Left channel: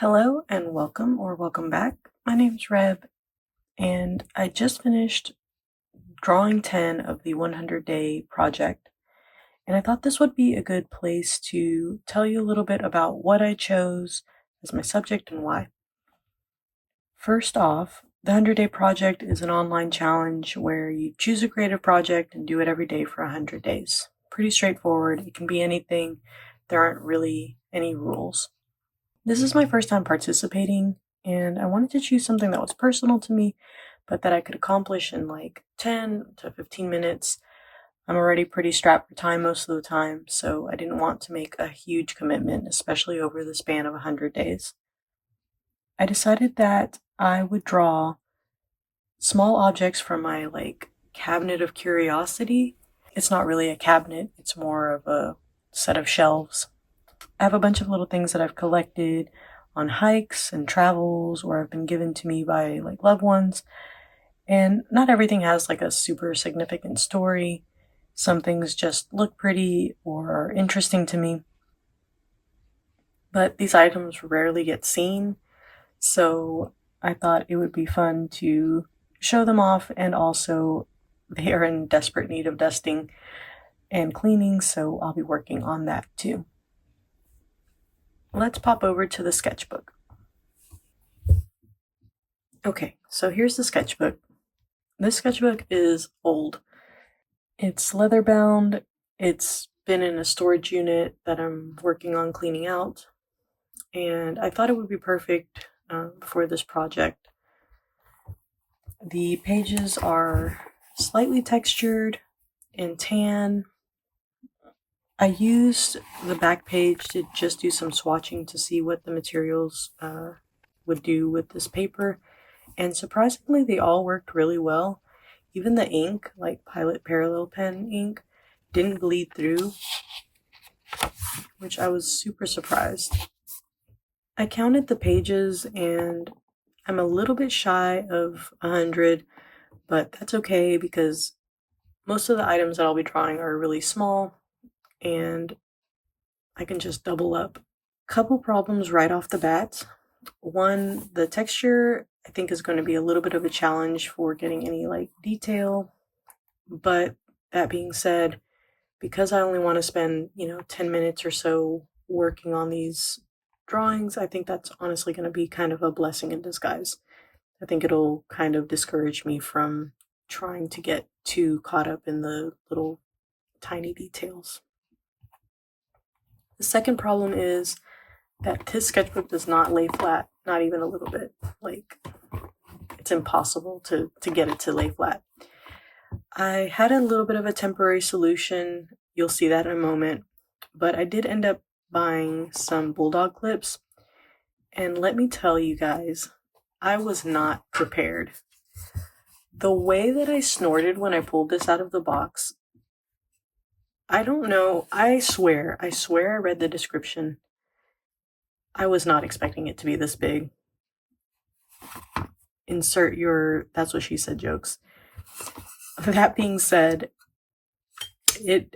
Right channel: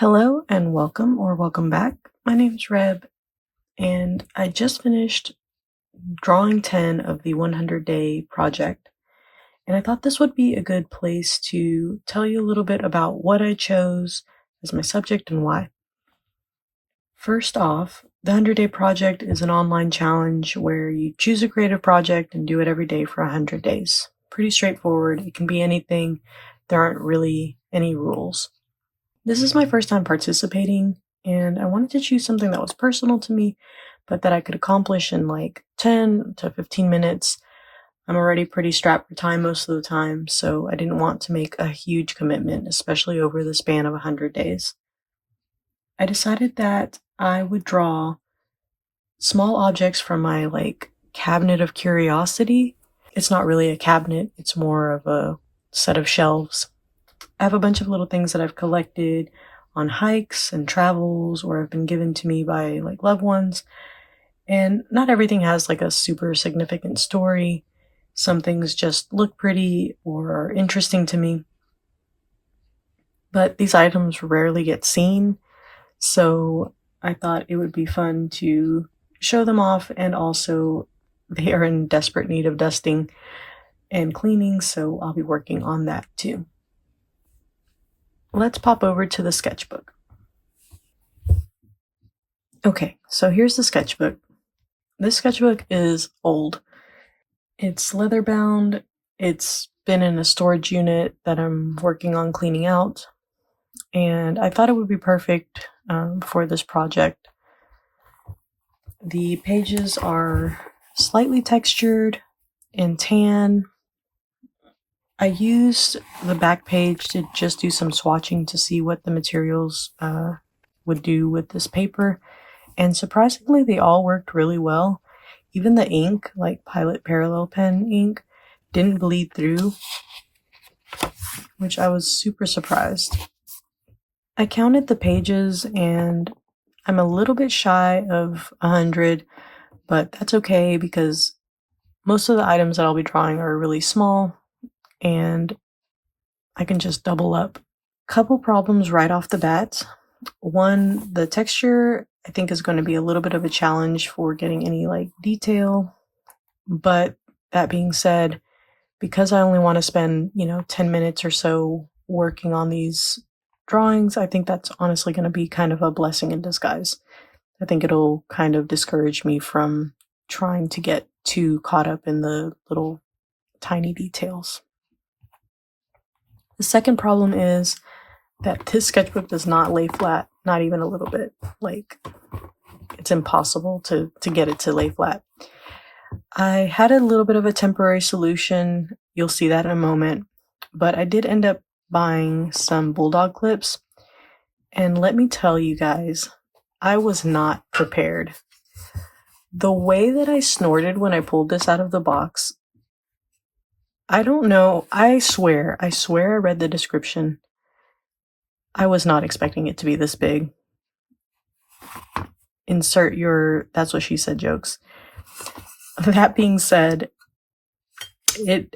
Hello and welcome back. My name's Reb, and I just finished drawing 10 of the 100-day project, and I thought this would be a good place to tell you a little bit about what I chose as my subject and why. First off, the 100-day project is an online challenge where you choose a creative project and do it every day for 100 days. Pretty straightforward. It can be anything. There aren't really any rules. This is my first time participating, and I wanted to choose something that was personal to me, but that I could accomplish in like 10 to 15 minutes. I'm already pretty strapped for time most of the time, so I didn't want to make a huge commitment, especially over the span of 100 days. I decided that I would draw small objects from my Cabinet of Curiosity. It's not really a cabinet, it's more of a set of shelves. I have a bunch of little things that I've collected on hikes and travels or have been given to me by loved ones. And not everything has a super significant story. Some things just look pretty or are interesting to me. But these items rarely get seen, so I thought it would be fun to show them off, and also they are in desperate need of dusting and cleaning, so I'll be working on that too. Let's pop over to the sketchbook. Okay, so here's the sketchbook. This sketchbook is old. It's leather bound. It's been in a storage unit that I'm working on cleaning out, and I thought it would be perfect for this project. The pages are slightly textured and tan. I used the back page to just do some swatching to see what the materials would do with this paper, and surprisingly they all worked really well. Even the ink, like Pilot Parallel Pen ink, didn't bleed through, which I was super surprised. I counted the pages and I'm a little bit shy of 100, but that's okay because most of the items that I'll be drawing are really small and I can just double up. Couple problems right off the bat. One, the texture I think is going to be a little bit of a challenge for getting any detail, but that being said, because I only want to spend 10 minutes or so working on these drawings, I think that's honestly going to be kind of a blessing in disguise. I think it'll kind of discourage me from trying to get too caught up in the little tiny details. The second problem is that this sketchbook does not lay flat, not even a little bit. It's impossible to get it to lay flat. I had a little bit of a temporary solution. You'll see that in a moment. But I did end up buying some bulldog clips. And let me tell you guys, I was not prepared. The way that I snorted when I pulled this out of the box, I don't know. I swear I read the description. I was not expecting it to be this big. Insert your "that's what she said" jokes. That being said, it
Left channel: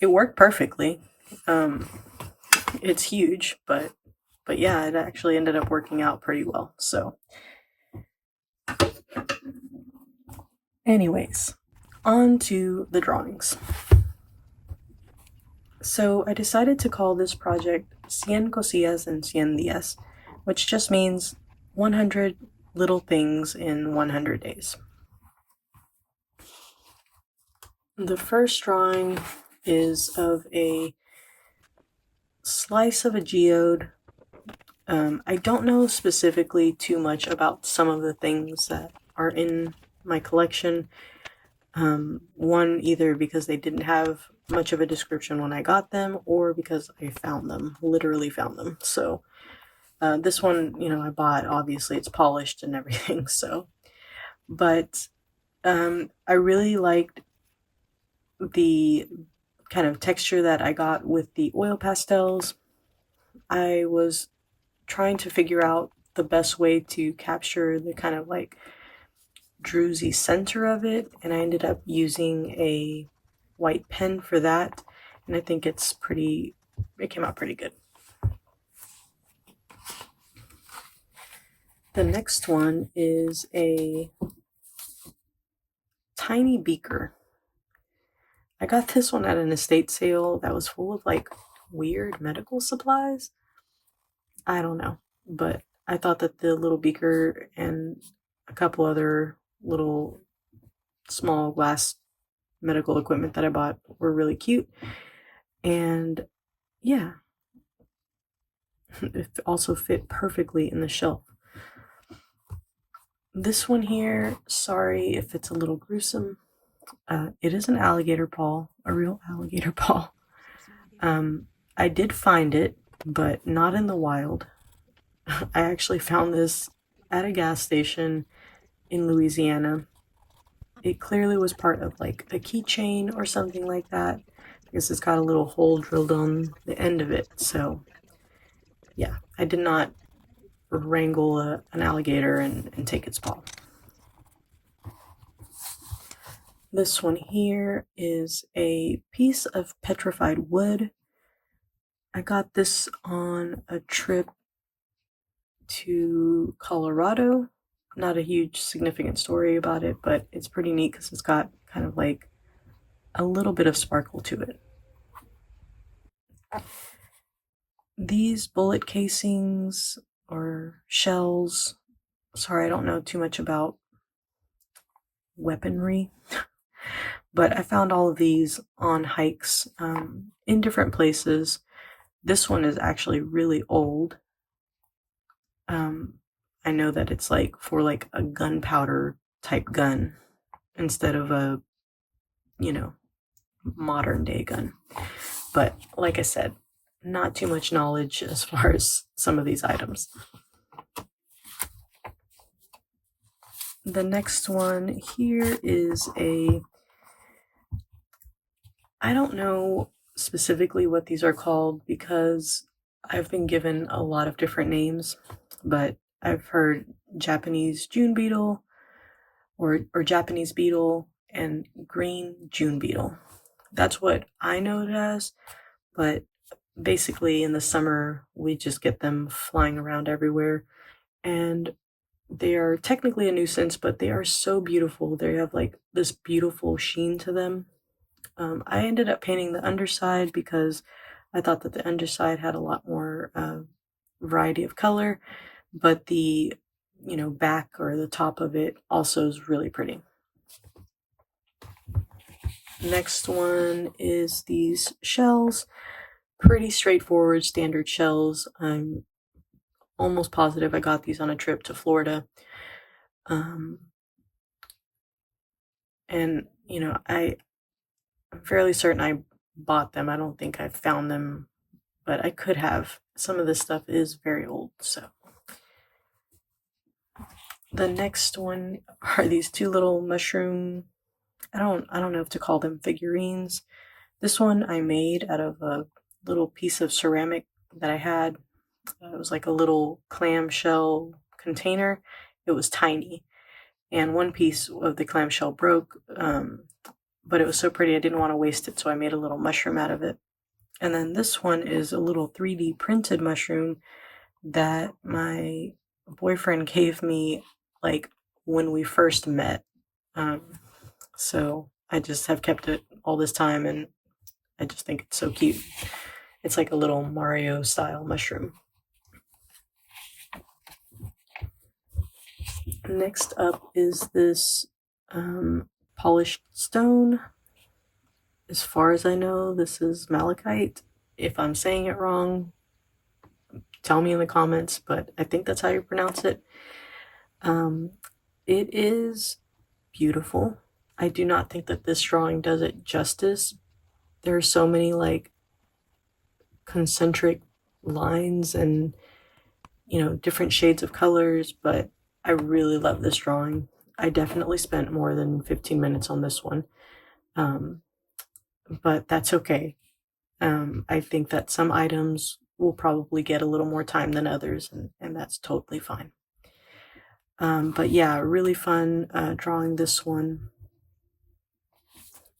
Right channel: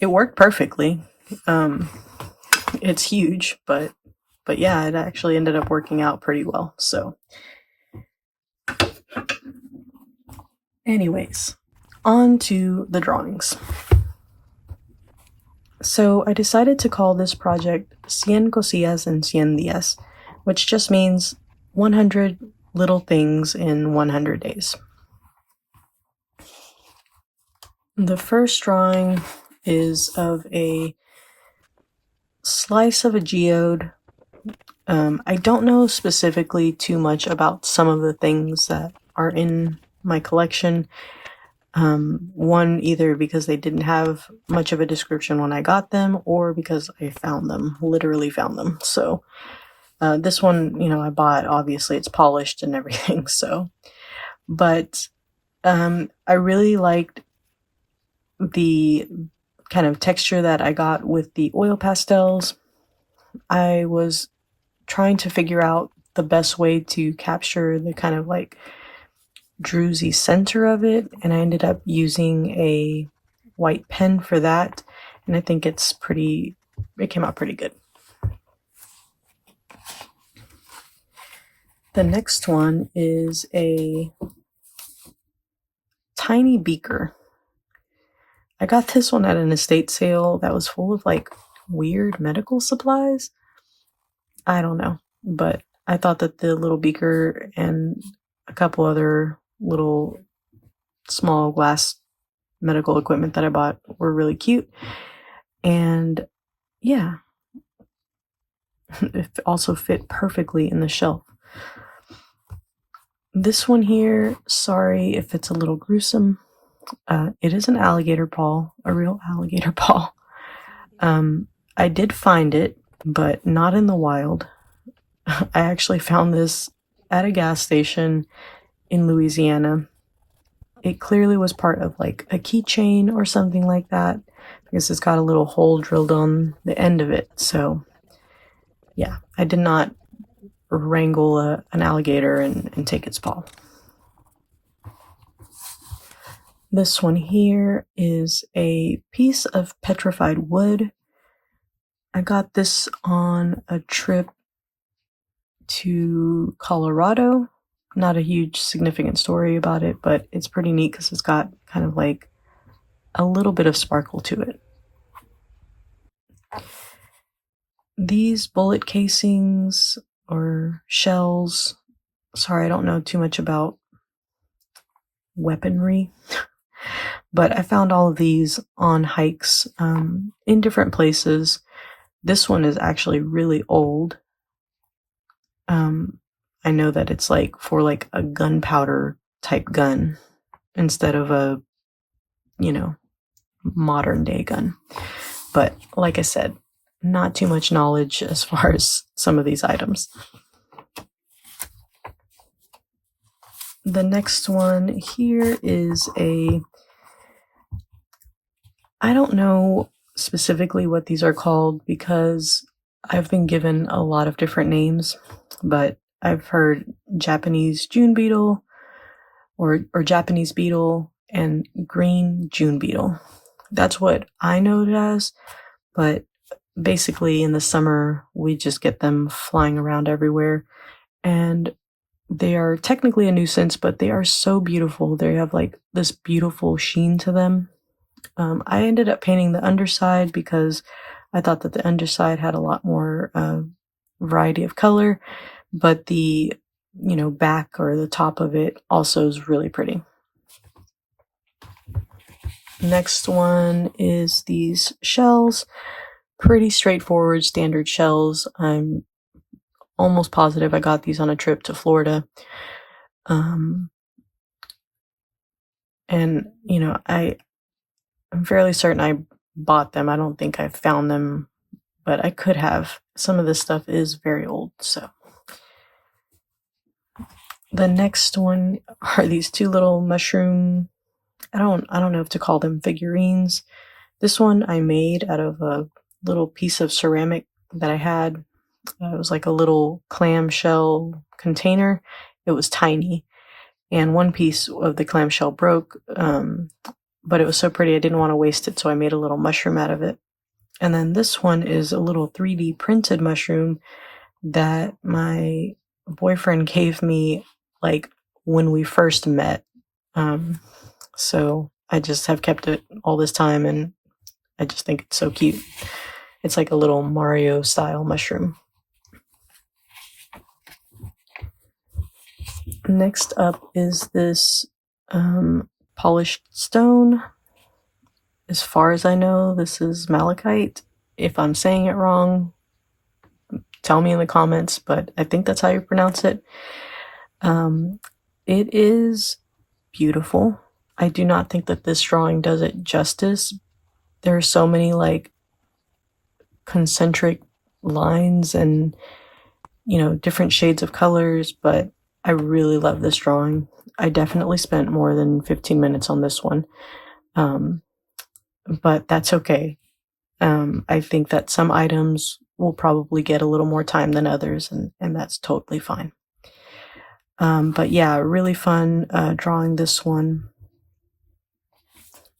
worked perfectly. It's huge, but yeah, it actually ended up working out pretty well. So anyways, on to the drawings. So I decided to call this project 100 cosillas en 100 días, which just means 100 little things in 100 days. The first drawing is of a slice of a geode. I don't know specifically too much about some of the things that are in my collection. One, either because they didn't have much of a description when I got them, or because I found them, literally found them. So this one, I bought, obviously it's polished and everything, so. But I really liked the kind of texture that I got with the oil pastels. I was trying to figure out the best way to capture the kind of druzy center of it, and I ended up using a white pen for that, and I think it came out pretty good. The next one is a tiny beaker. I got this one at an estate sale that was full of like weird medical supplies. I don't know, but I thought that the little beaker and a couple other little small glass medical equipment that I bought were really cute. And yeah, it also fit perfectly in the shelf. This one here, sorry if it's a little gruesome. It is an alligator paw, a real alligator paw. I did find it, but not in the wild. I actually found this at a gas station in Louisiana. It clearly was part of like a keychain or something like that, because it's got a little hole drilled on the end of it. So yeah, I did not wrangle an alligator and take its paw. This one here is a piece of petrified wood. I got this on a trip to Colorado. Not a huge significant story about it, but it's pretty neat because it's got kind of like a little bit of sparkle to it. These bullet casings or shells, sorry, I don't know too much about weaponry, but I found all of these on hikes in different places. This one is actually really old. I know that it's like for like a gunpowder type gun instead of a, modern day gun. But like I said, not too much knowledge as far as some of these items. The next one here is I don't know specifically what these are called because I've been given a lot of different names, but I've heard Japanese June beetle or Japanese beetle and green June beetle. That's what I know it as, but basically in the summer we just get them flying around everywhere, and they are technically a nuisance, but they are so beautiful. They have like this beautiful sheen to them. I ended up painting the underside because I thought that the underside had a lot more variety of color, but the back or the top of it also is really pretty. Next one is these shells. Pretty straightforward standard shells. I'm almost positive I got these on a trip to Florida. And I'm fairly certain I bought them. I don't think I found them, but I could have. Some of this stuff is very old, so. The next one are these two little mushroom, I don't know if to call them figurines. This one I made out of a little piece of ceramic that I had. It was like a little clamshell container. It was tiny, and one piece of the clamshell broke, but it was so pretty I didn't want to waste it, so I made a little mushroom out of it. And then this one is a little 3D printed mushroom that my boyfriend gave me like when we first met. So I just have kept it all this time, and I just think it's so cute. It's like a little Mario style mushroom. Next up is this polished stone. As far as I know, this is malachite. If I'm saying it wrong, tell me in the comments, but I think that's how you pronounce it. It is beautiful. I do not think that this drawing does it justice. There are so many like concentric lines and different shades of colors, but I really love this drawing. I definitely spent more than 15 minutes on this one, but that's okay. I think that some items will probably get a little more time than others, and that's totally fine. But yeah, really fun drawing this one.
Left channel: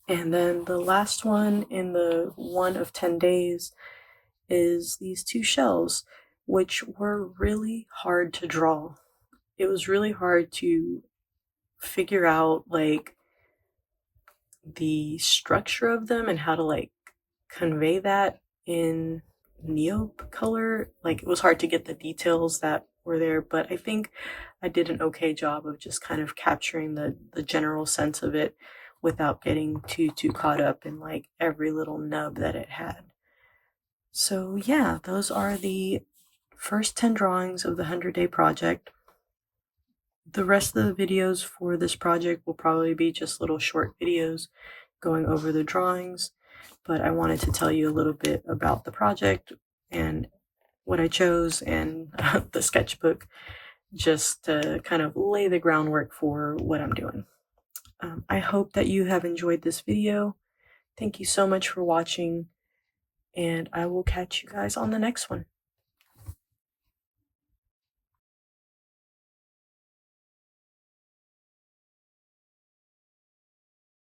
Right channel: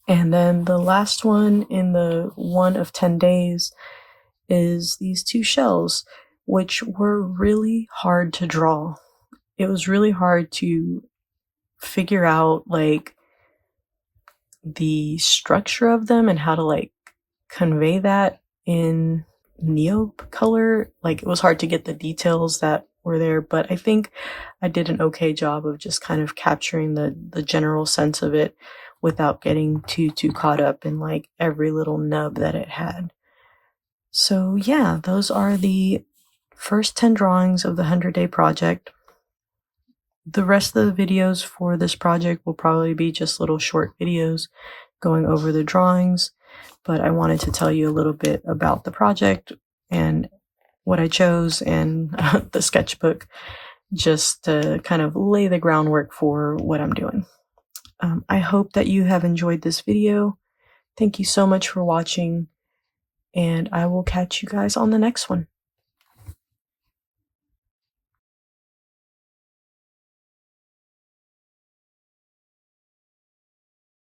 And then the last one in the 1 of 10 days is these two shells, which were really hard to draw. it was really hard to figure out like the structure of them and how to like convey that in neop color. Like, it was hard to get the details that were there, but I think I did an okay job of just kind of capturing the general sense of it without getting too caught up in like every little nub that it had. So yeah, those are the first 10 drawings of the 100-day project. The rest of the videos for this project will probably be just little short videos going over the drawings, but I wanted to tell you a little bit about the project and what I chose and the sketchbook, just to kind of lay the groundwork for what I'm doing. I hope that you have enjoyed this video. Thank you so much for watching, and I will catch you guys on the next one.